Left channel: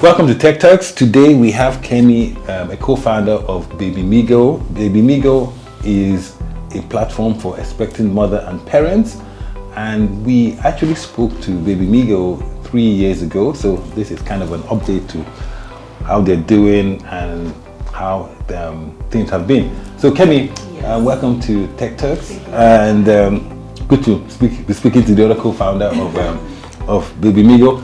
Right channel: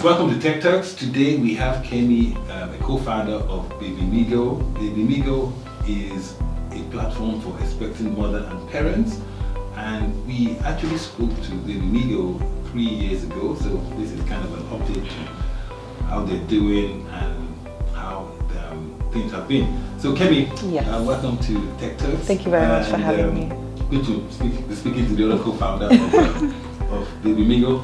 Welcome to Techturks. Today we have Kemi, a co-founder of Babymigoapp. Babymigoapp is a platform for expecting mother and parents, and we actually spoke to Babymigoapp 3 years ago. So this is kind of an update to how they're doing and how things have been. So Kemi, yes. Welcome to Techturks. Thank you very much. And good to be speaking to the other co-founder of Babymigoapp.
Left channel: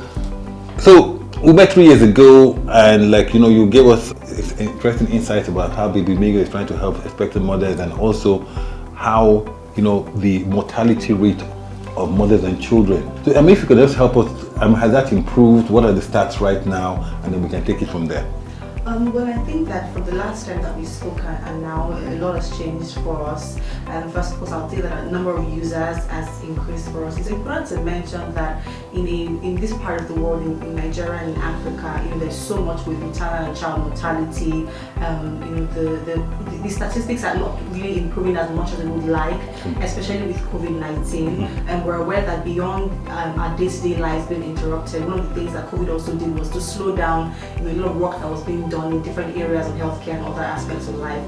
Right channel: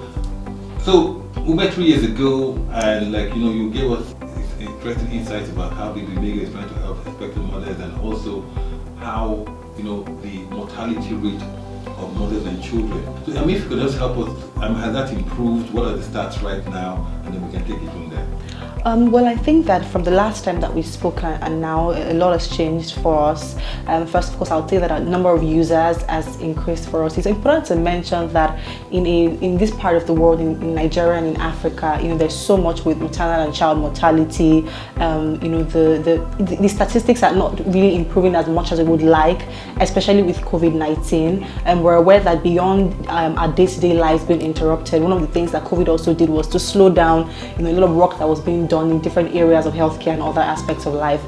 So we met 3 years ago, and you gave us interesting insights about how Babymigoapp is trying to help expectant mothers, and also how the mortality rate of mothers and children. So if you could just help us, has that improved? What are the stats right now? And then we can take it from there. Well, I think that from the last time that we spoke and now a lot has changed for us. First, of course, I'll say that a number of users has increased for us. It's important to mention that in this part of the world, in Nigeria and in Africa, there's so much with maternal and child mortality. The statistics are not really improving as much as we would like, especially with COVID-19. And we're aware that beyond our day-to-day life being interrupted, one of the things that COVID also did was to slow down a lot of work that was being done in different areas of healthcare and other aspects of life.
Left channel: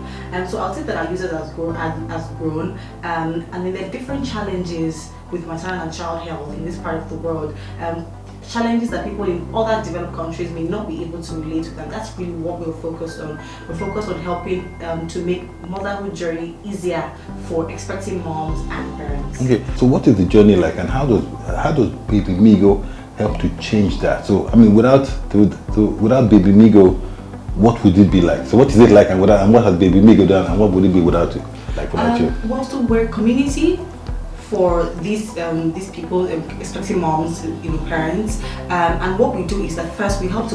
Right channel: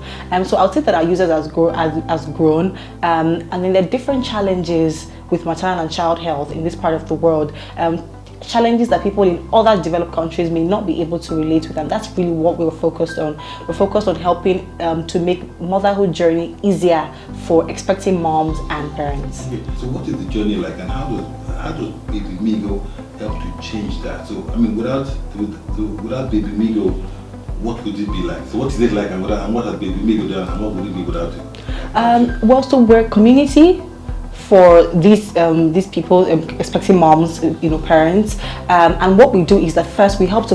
So I'll say that our users has grown, and then there are different challenges with maternal and child health in this part of the world. Challenges that people in other developed countries may not be able to relate with, and that's really what we're focused on. We're focused on helping to make motherhood journey easier for expecting moms and parents. Okay, so what is the journey like, and how does Babymigoapp help to change that? So without Babymigoapp, what would it be like? So what is it like, and what has Babymigoapp done, and what would it be without it? Well, so we're a community for these people expecting moms, parents, and what we do is that first we help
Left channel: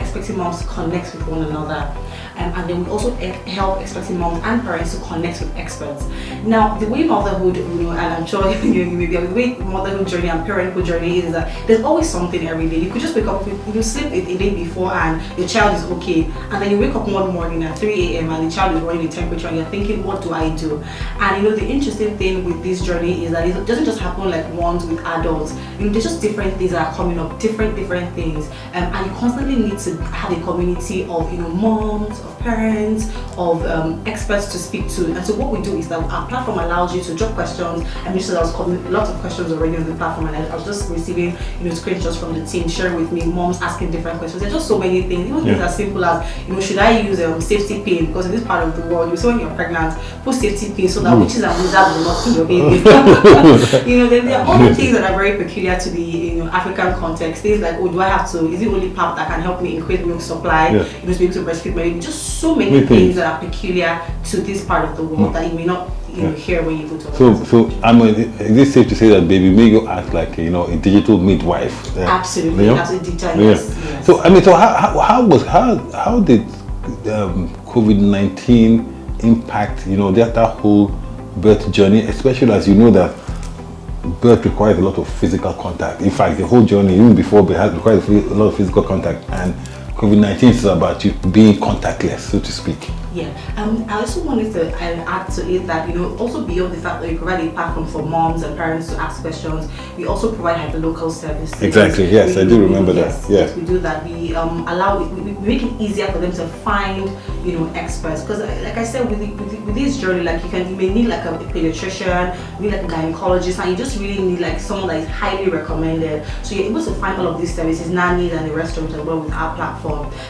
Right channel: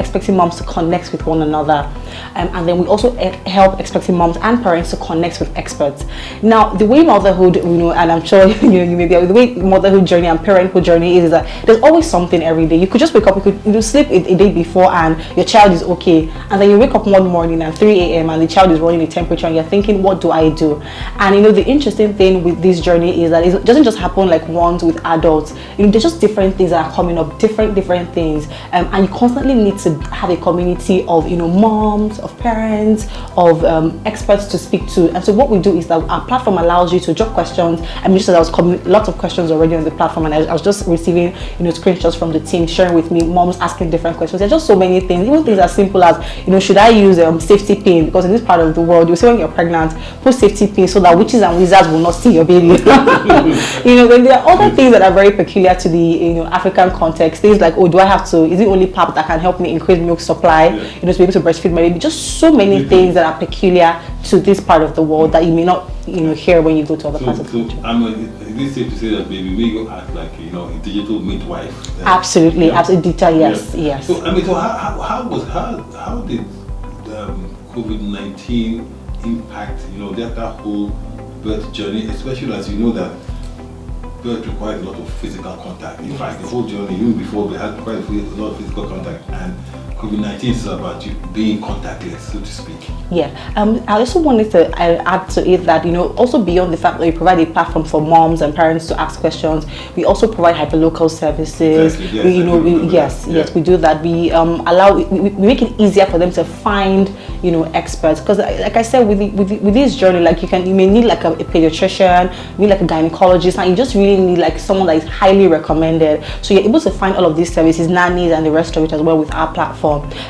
expecting moms to connect with one another, and then we also help expecting moms and parents to connect with experts. Now, the way motherhood, and I'm sure you may be aware, the way motherhood journey and parenthood journey is that there's always something every day. You could just wake up, you sleep a day before, and your child is okay, and then you wake up one morning at 3 a.m. and the child is running a temperature, and you're thinking, what do I do? And the interesting thing with this journey is that it doesn't just happen like once with adults. There's just different things that are coming up, different things, and you constantly need to have a community of moms, of parents, of experts to speak to. And so what we do is that our platform allows you to drop questions. Just as I was lots of questions already on the platform, and I was just receiving screenshots from the team sharing with me, moms asking different questions. There's just so many things, even things as simple as should I use safety pin, because in this part of the world you say when you're pregnant, put safety pin so that witches and wizards will not see your baby. There are other things that are very peculiar to the African context. Things like, do I have to? Is it only pap that can help me increase milk supply? To be able to breastfeed my baby. Just so many things that are peculiar to this part of the world that you may not hear when you go to other parts of the country. Is it safe to say that Babymigoapp acts like a digital midwife? Absolutely, absolutely, yes. So how did COVID-19 impact that whole birth journey, especially as that birth requires a lot of physical contact. In fact, the whole journey, even before birth, requires a lot of physical contact, and COVID-19 is about you being contactless, so to speak. Yeah, I also wanted to add to it that also beyond the fact that we provide a platform for moms and parents to ask questions, we also provide hyperlocal services. Exactly. Yes, I do remember that. Yes, we do that. We we make it easier for them to find experts, because like I said, with this journey, you may need like a pediatrician, you need like a gynecologist, and you just really need someone that is highly recommended. So you're able to find all of these services, nannies and the rest of it as well with our platform.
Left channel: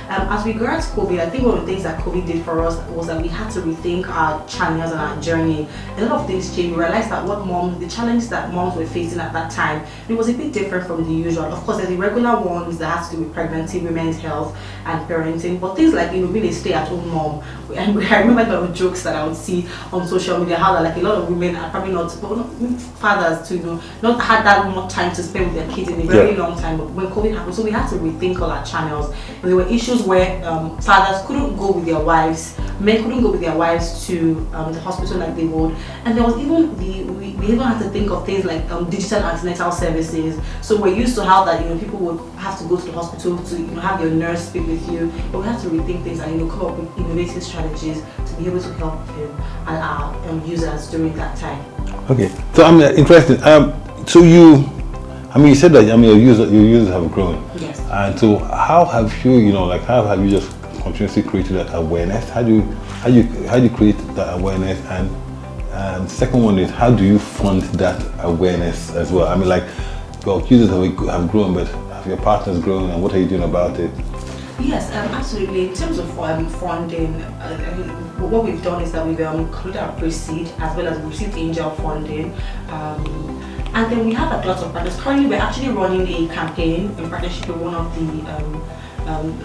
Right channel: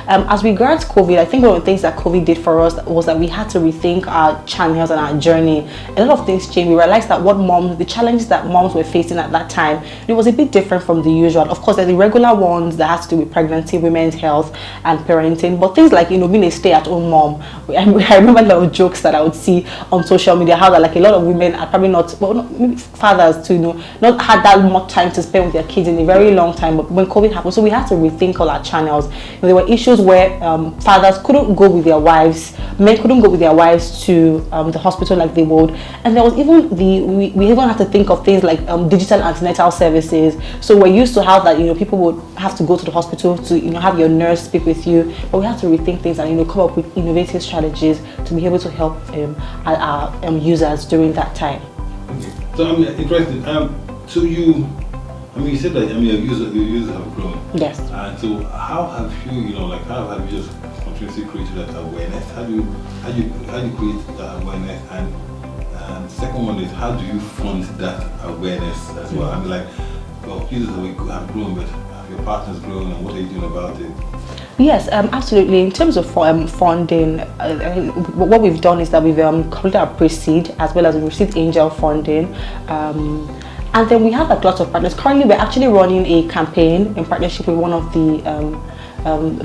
As regards COVID, I think one of the things that COVID did for us was that we had to rethink our channels and our journey. A lot of things changed. We realized that the challenges that moms were facing at that time, it was a bit different from the usual. Of course, there's the regular ones that has to do with pregnancy, women's health, and parenting. But things like being a stay-at-home mom. I remember there were jokes that I would see on social media how that a lot of women are probably not fathers to not had that much time to spend with their kids in a very long time when COVID happened. So we had to rethink all our channels. There were issues where fathers couldn't go with their wives, men couldn't go with their wives to the hospital like they would, and there was even we even had to think of things like digital antenatal services. So we're used to how that people would have to go to the hospital to have your nurse speak with you, but we had to rethink things and come up with innovative strategies to be able to help our users during that time. Okay, so I'm interested. So I mean, you said that your users have grown. Yes. And so, how have you, how have you just continuously created that awareness? How do you create that awareness? And second one is, how do you fund that awareness as well? I mean, like, your users have grown, but have your partners grown, and what are you doing about it? Yes, absolutely. In terms of funding, what we've done is that we've completed our pre-seed as well as we've received angel funding. And then we have a lot of partners. Currently, we're actually running a campaign in partnership with one of the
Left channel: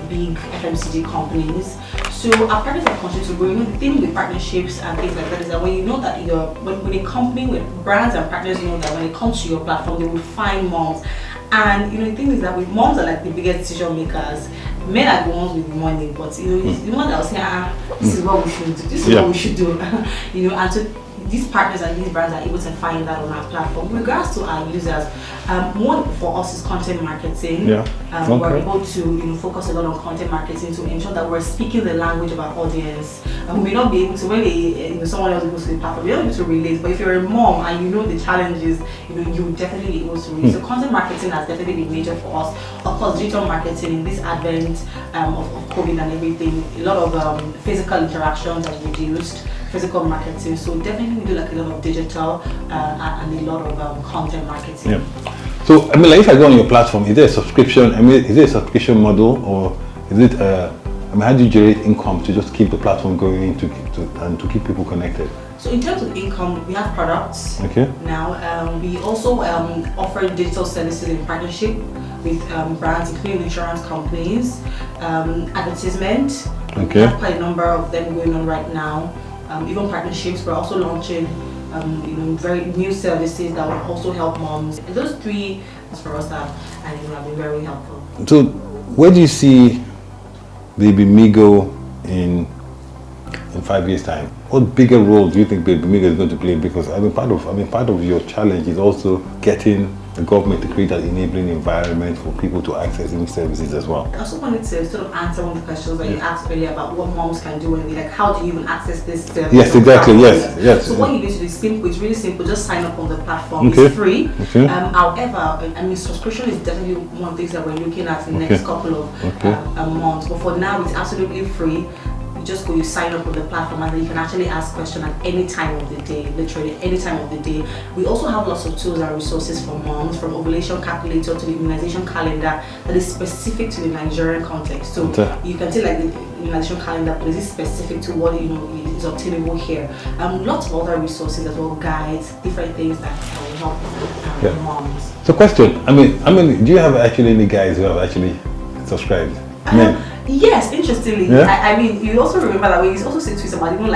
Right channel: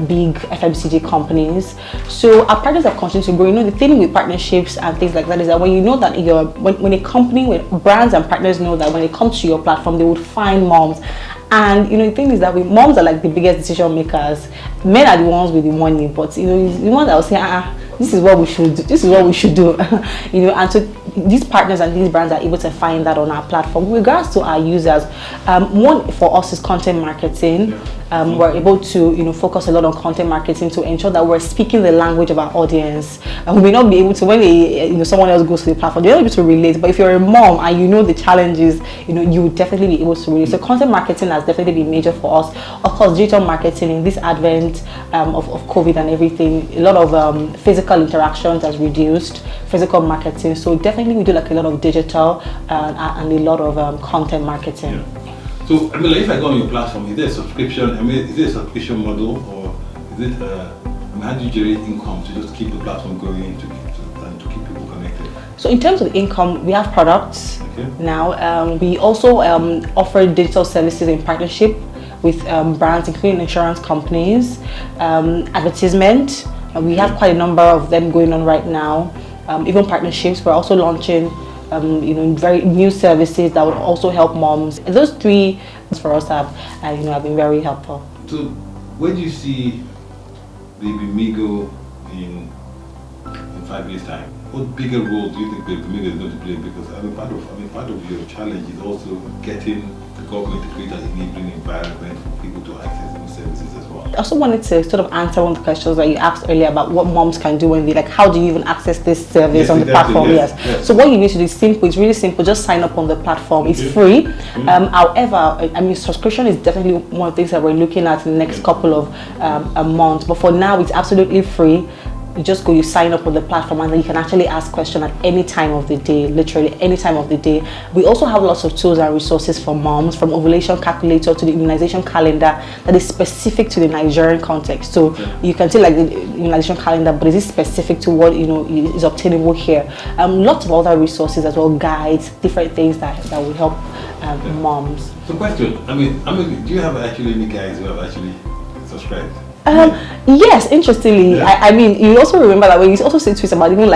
big FMCG companies. So our partners are continuing to grow. You know, the thing with partnerships and things like that is that when you know that when a company, with brands and partners know that when it comes to your platform, they would find moms. And the thing is that moms are like the biggest decision makers. Men are the ones with the money, but the ones that will say, this is what we should do. This is what we should do. And so these partners and these brands are able to find that on our platform. With regards to our users, one for us is content marketing. We're able to focus a lot on content marketing to ensure that we're speaking the language of our audience. And we may not be able to, when someone else goes to the platform, they're not able to relate. But if you're a mom and you know the challenges, you would definitely be able to relate. So content marketing has definitely been major for us. Of course, digital marketing in this advent of COVID and everything, a lot of physical interactions has reduced. Physical marketing, so definitely we do like a lot of digital and a lot of content marketing. Yeah. So I mean, like, if I go on your platform, is there a subscription? I mean, is there a subscription model, or is it? How do you generate income to just keep the platform going and to keep people connected? So in terms of income, we have products. Okay. Now we also offer digital services in partnership with brands, including insurance companies, advertisement. We have quite a number of them going on right now. Even partnerships. We're also launching, very new services that will also help moms. And those three for us have been very helpful. So, where do you see Babymigo in 5 years' time? What bigger role do you think Babymigo is going to play? Because part of your challenge is also getting the government to create an enabling environment for people to access these services as well. I also wanted to sort of answer one of the questions that you asked earlier about what moms can do when how do you even access this service? Yes, on exactly. The platform? Yes. So what you need to do is simple. It's really simple. Just sign up on the platform. Okay. It's free. Okay. However, subscription is definitely one of the things that we're looking at in the next couple of months. But for now, it's absolutely free. You just go, you sign up on the platform, and then you can actually ask questions at any time of the day, literally any time of the day. We also have lots of tools and resources for moms, from ovulation calculator to the immunization calendar that is specific to the Nigerian context. So you can take like the immunization calendar, but is it specific to what is obtainable here? Lots of other resources as well, guides, different things that will help moms. So question, I mean, do you have actually any guys who have actually subscribed? Yes, interestingly, you also remember that when you also say tweets about even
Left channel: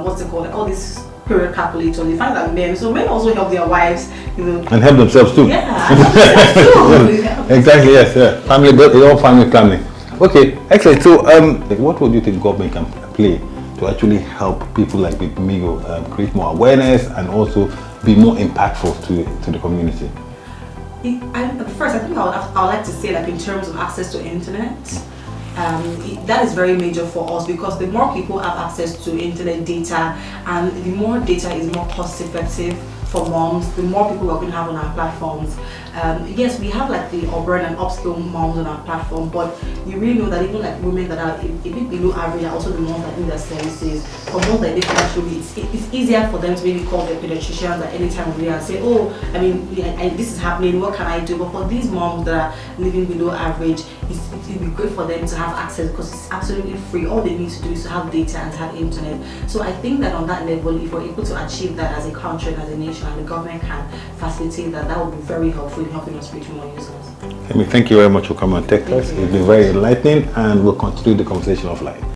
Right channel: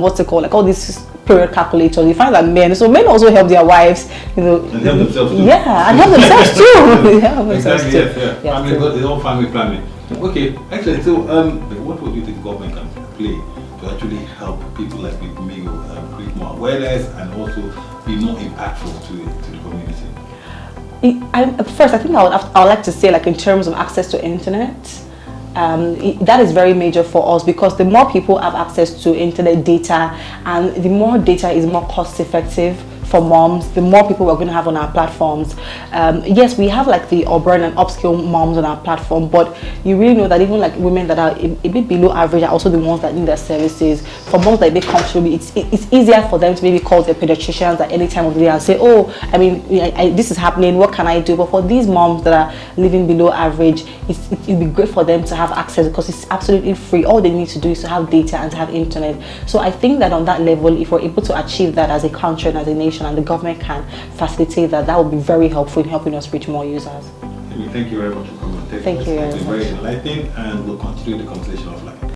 what's it called, like all these period calculators, you find that men also help their wives, and help themselves too. Yeah, and help themselves too. Exactly, yes. Family, it's all family planning. Okay, excellent. So, what would you think government can play to actually help people like Babymigo create more awareness and also be more impactful to the community? First, I think I would like to say, in terms of access to internet, that is very major for us, because the more people have access to internet data, and the more data is more cost effective for moms, the more people we're going to have on our platforms. Yes, we have the urban and upscale moms on our platform, but you really know that even women that are a bit below average are also the ones that need their services. For moms that may come through, it's easier for them to maybe call their pediatricians at any time of the day and say, this is happening, what can I do? But for these moms that are living below average, it'd be great for them to have access, because it's absolutely free. All they need to do is to have data and to have internet. So I think that on that level, if we're able to achieve that as a country and as a nation, and the government can facilitate that, that would be very helpful in helping us reach more users. Kemi, thank you very much for coming on Techturks. It's been very enlightening, and we'll continue the conversation offline.